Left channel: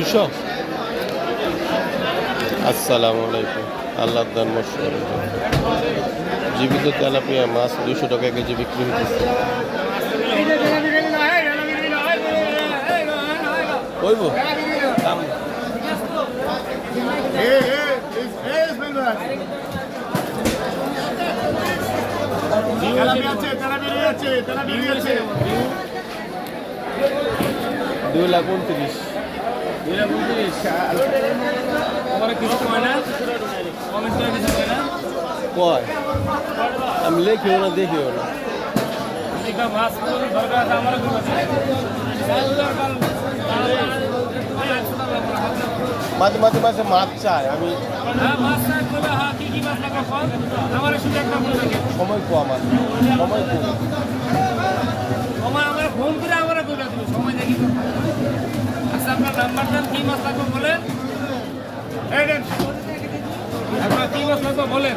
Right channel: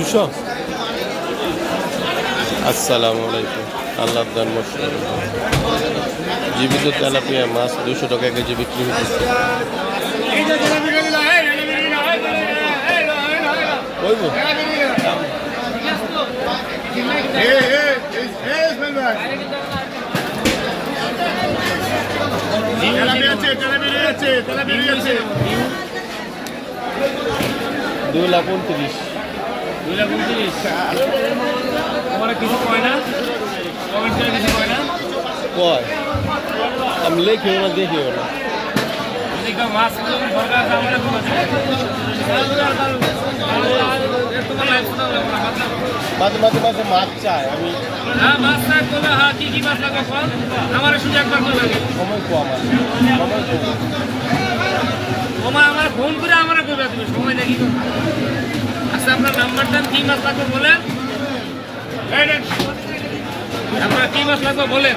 200। আসসালামু আলাইকুম। আল্লাহ দান মশলা জীবিত তেলাপিয়া মাছ 200 টাকা কেজি বিক্রি হচ্ছে। কইব দাম দুই লাখ 29। 2 লাখ 29। আমার কিছু কয় না, কমেন্ট করে কিছু কয় না। কয় আমি লেখিও না দেখিও না। দেখো মাছ দরকার আছে আমার খুব আছে। মাঝে মাঝে মাঝে মাছ চাই আমি। হ্যাঁ মাছ চাই কবে, হ্যাঁ কি কি মাছ লাগবে ফল আমার শুধু একবার বলে লাগে। সময় কম আছে, সময় কম। আমার ফোন করে আমার কবে তুমি সময় দেখি। আচ্ছা আপনার নাম্বার দেন, কি মাছ লাগবে বলেন। আপনার কি মাছ লাগবে বলেন।